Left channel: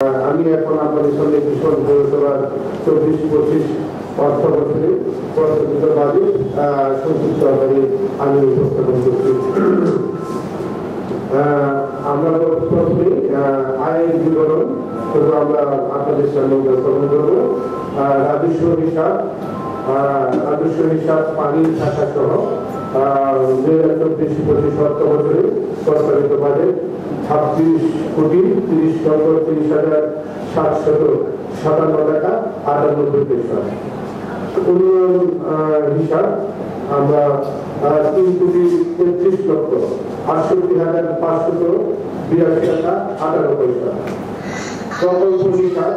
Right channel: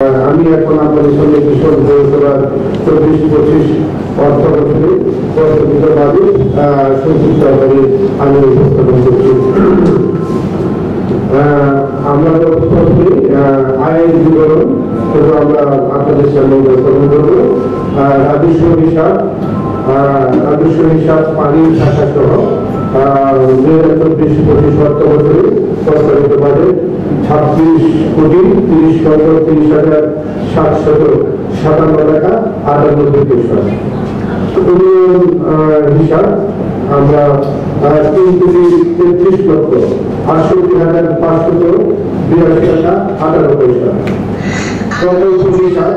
আমি এখন আপনাদের সামনে কিশোর পৌরসভার 24-25 অর্থ বছরে প্রস্তাবিত বাজেট সংক্ষিপ্ত আকারে আমি উপস্থাপন করছি। আমরা প্রথমে আয়ের বিবরণ আমরা আপনাদের সামনে উপস্থাপন করব। রাজস্ব হিসাব পানি থাকা সহ 2024-25 অর্থ বছরে প্রস্তাবিত বাজেট 26,30,30,757 টাকা 98 পয়সা। উন্নয়ন হিসাব আমরা 3,33,68,582 টাকা 18 পয়সা। প্রকল্প হিসাব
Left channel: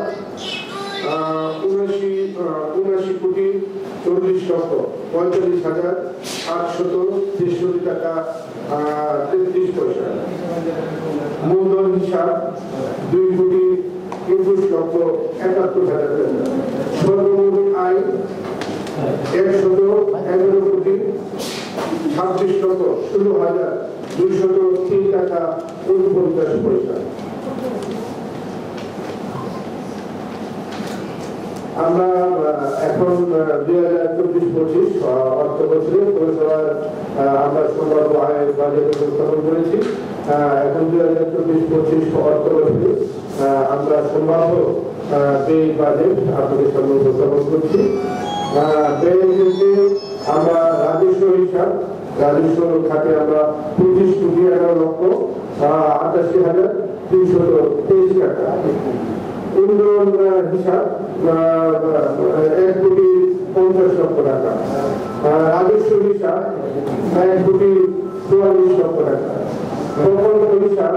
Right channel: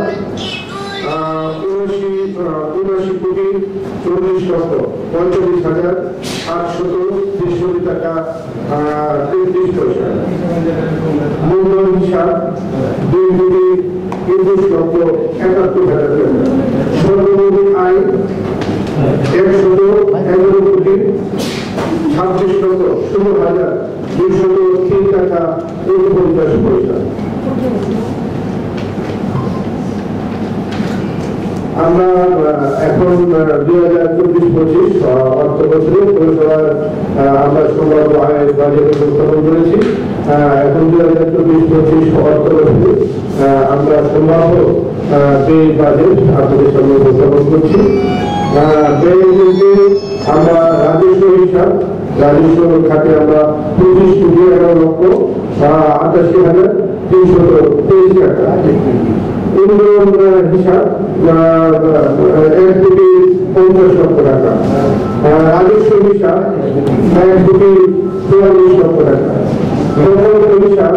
79,40,45,863 টাকা 33 পয়সা। মূলধন হিসাব 2,21,71,000 টাকা। সর্বমোট আয় 1,11,26,16,203 টাকা 49 পয়সা। আমরা এখন 2024-25 অর্থ বছরে পৌরসভার আমরা সম্ভাব্য আয়ের বাজেট উপস্থাপন করেছি। এখন 2024-25 অর্থ বছরে আমরা সম্ভাব্য ব্যয় বাজেট আপনাদের সামনে উপস্থাপন করছি। আমরা রাজস্ব খাতে আমরা 25,11,88,323 টাকা। উন্নয়ন হিসাব 1,50,00,000 টাকা। রাজস্ব হিসাব 1,44,00,000 টাকা। প্রকল্প হিসাব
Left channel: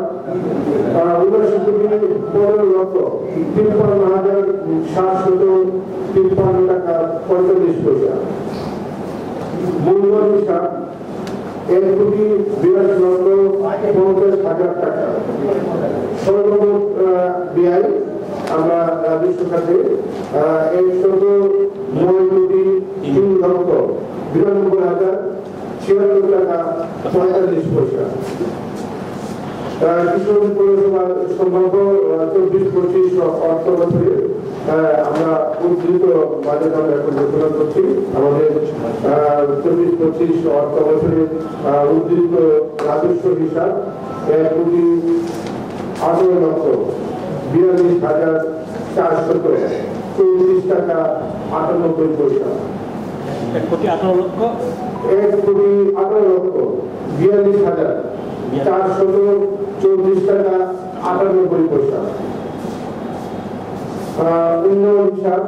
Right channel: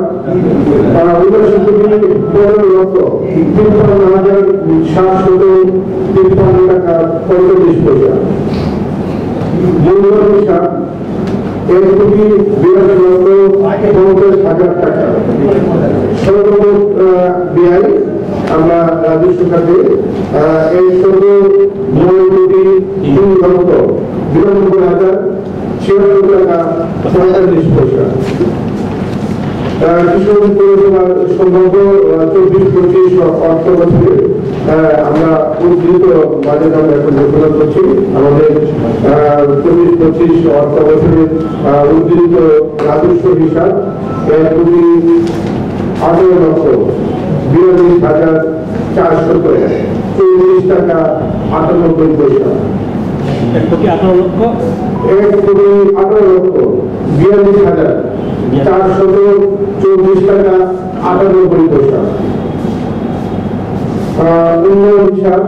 79,53,753 টাকা 45 পয়সা। মূলধন হিসাব 1,82,50,000 টাকা। সর্বমোট ব্যয় আমরা রাজস্ব খাতে 1,09,93,096 টাকা 45 পয়সা। কিশোর পৌরসভার সম্ভাব্য 24-25 অর্থ বছরে আমরা উদ্ধৃত বাজেট আমরা এখন ঘোষণা করছি। আমাদের 24-25 অর্থ বছরে উদ্ধৃত রাজস্ব হিসাব 1,18,42,434 টাকা 98 পয়সা। 1,18,42,434 টাকা 98 পয়সা। উন্নয়ন হিসাব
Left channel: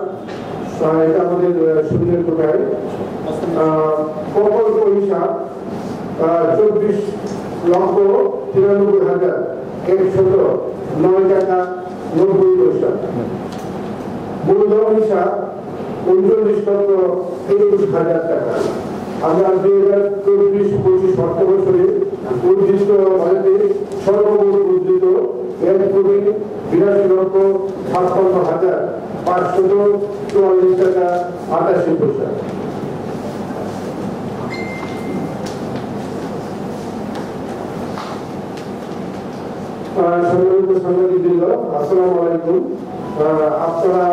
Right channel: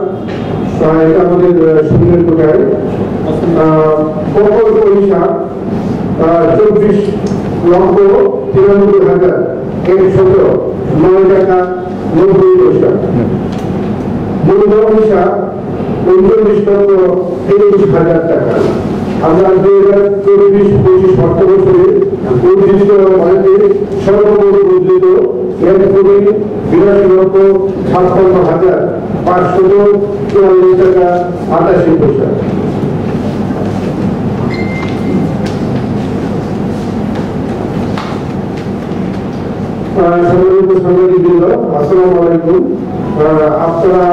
এটা আমাদের শূন্যের কোটায়। প্রকল্প হিসাব 24,93,109 টাকা 90 পয়সা। মূলধন হিসাব 39,23,000 টাকা। আমরা 2024-25 অর্থ বছরে উদ্ধৃত বাজেটে সর্বমোট উদ্ধৃত 1,52,56,544 টাকা 88 পয়সা। সম্মানিত সাংবাদিকবৃন্দ, আসসালামু আলাইকুম। আপনারা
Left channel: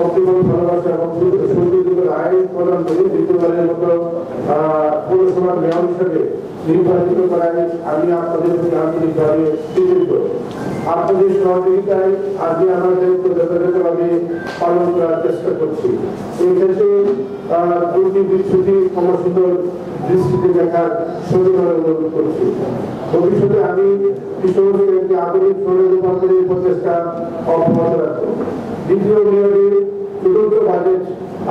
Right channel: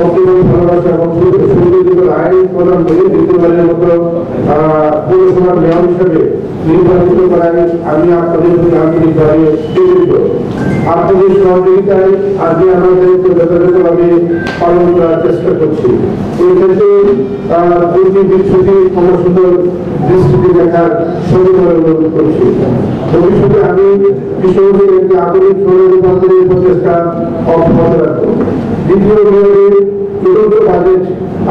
অগ্রিম ভালোবাসা এবং সুবিধিত আইন প্রদান করে দ্বিতীয়বারের মতো পৌরসভার মেয়র হিসেবে নির্বাচিত করায় আমি আপনাদের প্রতি আন্তরিকভাবে কৃতজ্ঞ। আপনাদের সহযোগিতায় আজকে আমরা দায়িত্ব যথাযথভাবে পালন করার চেষ্টা করছি। এই ক্ষেত্রে দুটি বিচ্ছুতি সুন্দর দৃষ্টিতে দেখার সঙ্গে অনুরোধ করছি। ভবিষ্যতে আমি কিশোরকে একটি আধুনিক শহরে রূপান্তরের প্রচেষ্টা অব্যাহত রাখবো। দ্বিতীয় মেয়রের চতুর্থ বাজেট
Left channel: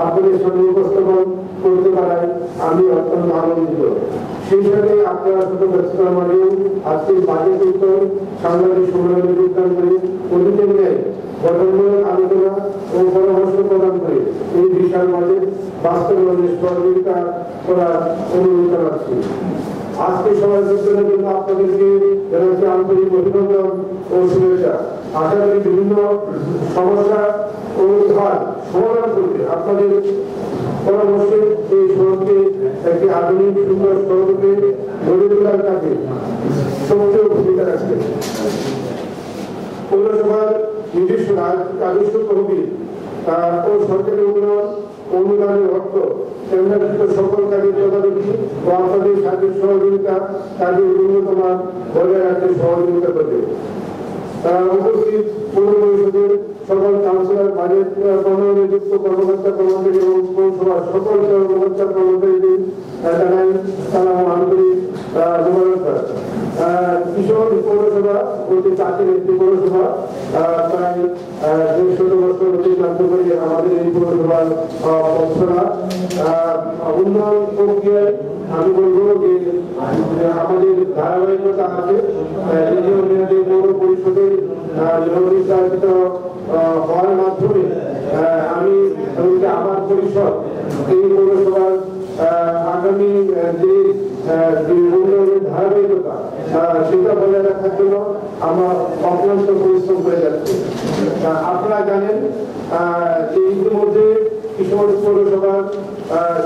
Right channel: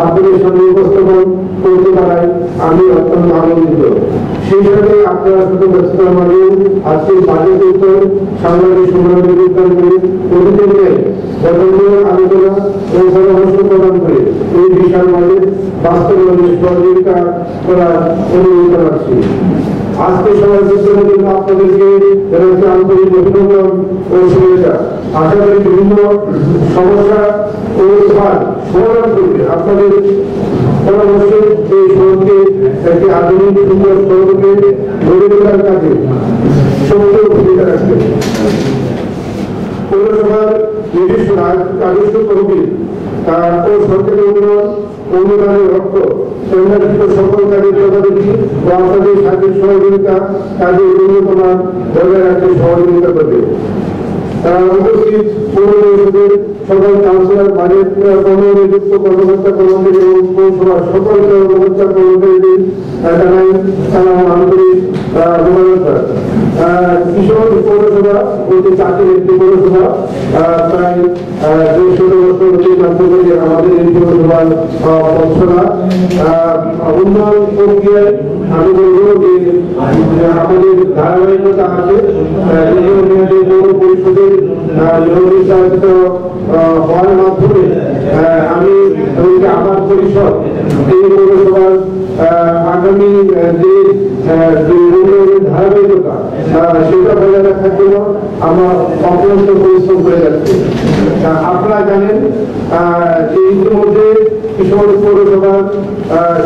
আপনাদের সামনে উপস্থাপন করতে পারায় আমি অত্যন্ত আনন্দিত। সেই সাথে আপনারা শুধু ব্যস্ততার মাঝে আজকের বাজেট উত্তর সাংবাদিক সম্মেলনে যোগদান করে অতীতের ন্যায় গঠনমূলক আলোচনা ও পরামর্শ প্রদান করে এই বিশাল বাজেট বাস্তবায়নে সহযোগিতা করার অনুরোধ জানাচ্ছি। আজকে সবার জন্য আপনাদেরকে জানাচ্ছি আন্তরিক অভিনন্দন ও শুভেচ্ছা। আশা করি বিভিন্ন সমস্যা ও সমাধান করবে আপনাদের পরামর্শে এই শহরকে একটি আধুনিক সুন্দর শহরকে গড়ে তোলার কাজে সক্রিয় ভূমিকা রাখবে। পৌরসভার নিজস্ব রাজস্ব তহবিল ও সরকারি অনুদানের অর্থ কেন্দ্রীভূত সকল কাজের তদারকি ও আপনাদের সার্বিক সহযোগিতা কাজের উন্নতমান বজায় রাখতে সহযোগিতা করবে। উপস্থিত পৌর পরিষদের সকল কাউন্সিলর, বাজেট কর্মনিযুক্ত কর্মকর্তা কর্মচারী এবং পৌরসভার সকল কর্মকর্তা কর্মচারীদের জানাই সালাম আন্তরিক অভিনন্দন। কিশোর পৌরসভা বলতে চাকরির একটি পৌরসভা, প্রায় ১৫ বছর অতিক্রান্ত করে আমাদের এই পৌরসভার পথচলা উন্নয়ন প্রক্রিয়ায় আমি বলবো যে আমাদের ধারাবাহিকতা আছে। পৌর পরিষদের নির্বাচিত হওয়ার মাধ্যমে আমি আমার পরিষদ এই পৌরসভার আগামী যে উন্নয়নের ধারাবাহিকতা সেটা বজায় রাখার জন্য আমার অক্লান্ত পরিশ্রম করে যাচ্ছে। আপনারা জানেন যে ইতিমধ্যে কিশোর পৌরসভার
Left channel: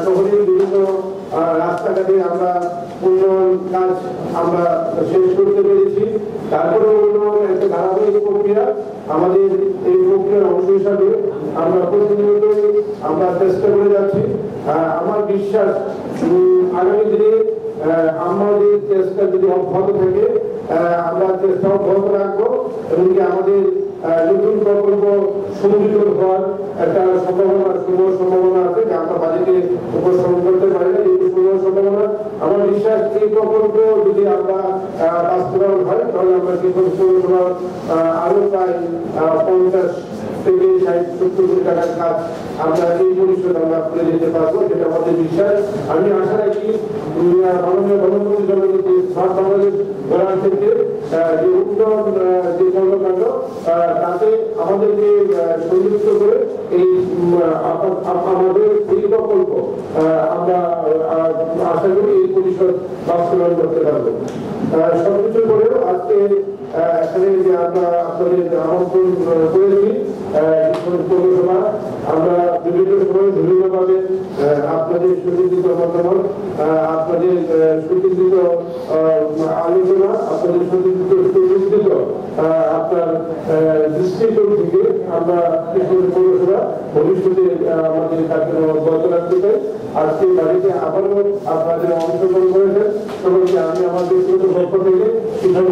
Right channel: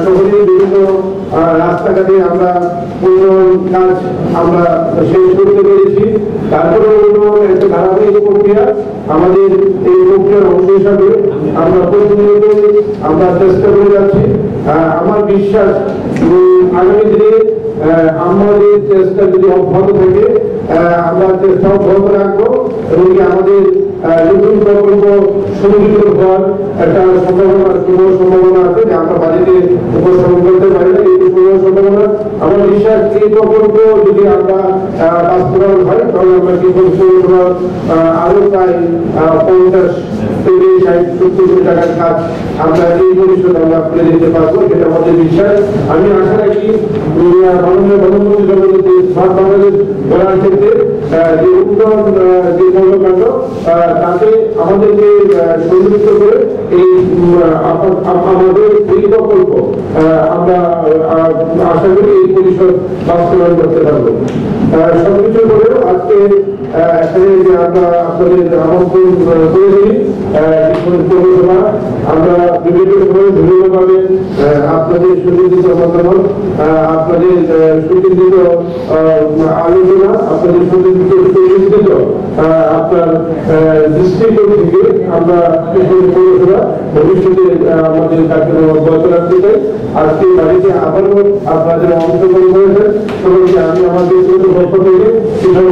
শহরে বিভিন্ন রাস্তাঘাটে আমরা উন্নয়ন কাজ আমরা শেষ করতে পেরেছি। তারপরে উন্নয়ন একটা ধারাবাহিক প্রক্রিয়া, আমাদের এই প্রক্রিয়ার অংশ হিসাবে আমরা প্রতিনিয়ত আমরা চেষ্টা করে যাচ্ছি। আমার বিশ্বাস আগামী দিনে আমাদের চেষ্টা যদি অব্যাহত থাকে আমরা চেষ্টা অব্যাহত রাখবো এবং আমাদের নতুন প্রকল্প সংযুক্ত হওয়ার একটা সম্ভাবনা আছে যে আমরা বাজেটে উপস্থাপন করতে পারি না। এই সম্ভাবনা আমার বিশ্বাস এই প্রকল্প যদি আমরা বাস্তবায়ন হয় তাহলে আমরা কিশোর পৌরসভার আরো প্রায় 50 থেকে 60-70 কোটি টাকার কাজ আমরা এই পরিষদ আমরা করে দিতে পারবো, সেটা আমাদের বিশ্বাস। আমি আশা রাখি মাননীয় প্রধানমন্ত্রী জনগণকে স্মার্ট বাংলাদেশ গড়ার ক্ষেত্রে যে উন্নয়ন যে কর্মকাণ্ড তাতে আমাদেরকে সংযুক্ত করে এই আমাদের এই প্রকল্প আমরা আশা করি এই পরিষদ বাস্তবায়ন করতে পারবো। সবকিছু করেও আজকে এখানে যে আমরা আপনাদের আমন্ত্রণ করেছি পৌরসভা, আমরা বিভিন্ন সময় বিভিন্নভাবে আপনাদের সুচিন্তিত মতামত, আপনাদের সুচিন্তিত আলোচনা, আপনাদের সুচিন্তিত আপনার দৃষ্টিকোণ থেকে আমরা পৌরসভা ভবিষ্যতে আমাদের কার্যক্রম অব্যাহত রাখতে চাই। আজকে বাড়িতে আবারও আপনাদের অংশগ্রহণ করেছেন সকলকে আমি আমার ব্যক্তিগত পক্ষ থেকে, কিশোর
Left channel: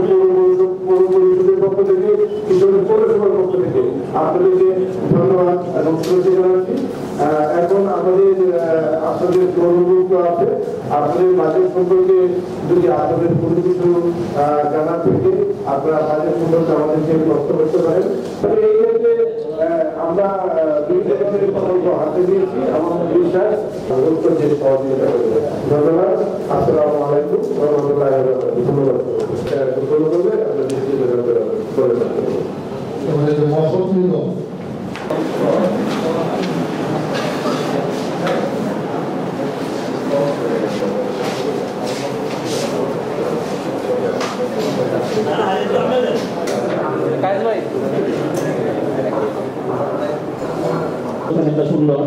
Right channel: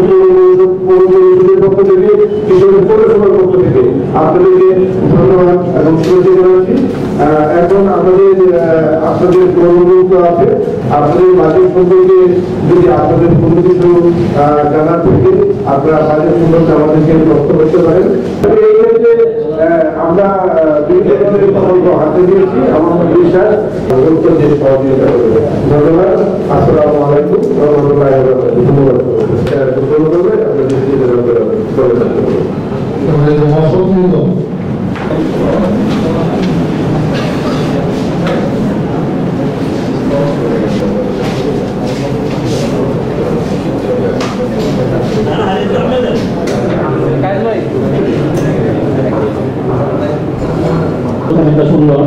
পৌর পরিষদের পক্ষ থেকে, কিশোর পৌরসভার পক্ষ থেকে আপনাদেরকে ধন্যবাদ এবং শুভেচ্ছা জানাচ্ছি। এখন আমাদের আপনাদের অনুরোধ আছে, আপনাদের বাজেট সম্পর্কে যদি আপনাদের কোনো কিছু জানার থাকে আপনারা বাজেট সম্পর্কে আমাদেরকে তথ্য করতে পারেন। এই ক্ষেত্রে আমরা বিভিন্ন ধরনের প্রকল্প হাতে দিয়েছি, আমার বিশ্বাস উত্তর দিয়ে সহযোগিতা করবে। ধন্যবাদ। আসসালামু আলাইকুম রহমতুল্লাহি ওয়া বারাকাতুহু। ধন্যবাদ। করবে আপনাদের করে থাকতে সুন্দর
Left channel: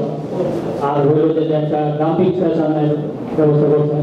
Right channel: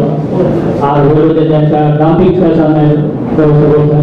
আর হইল যে একটা গ্রাফিক ফ্যাশনের ব্যবস্থা করছেন।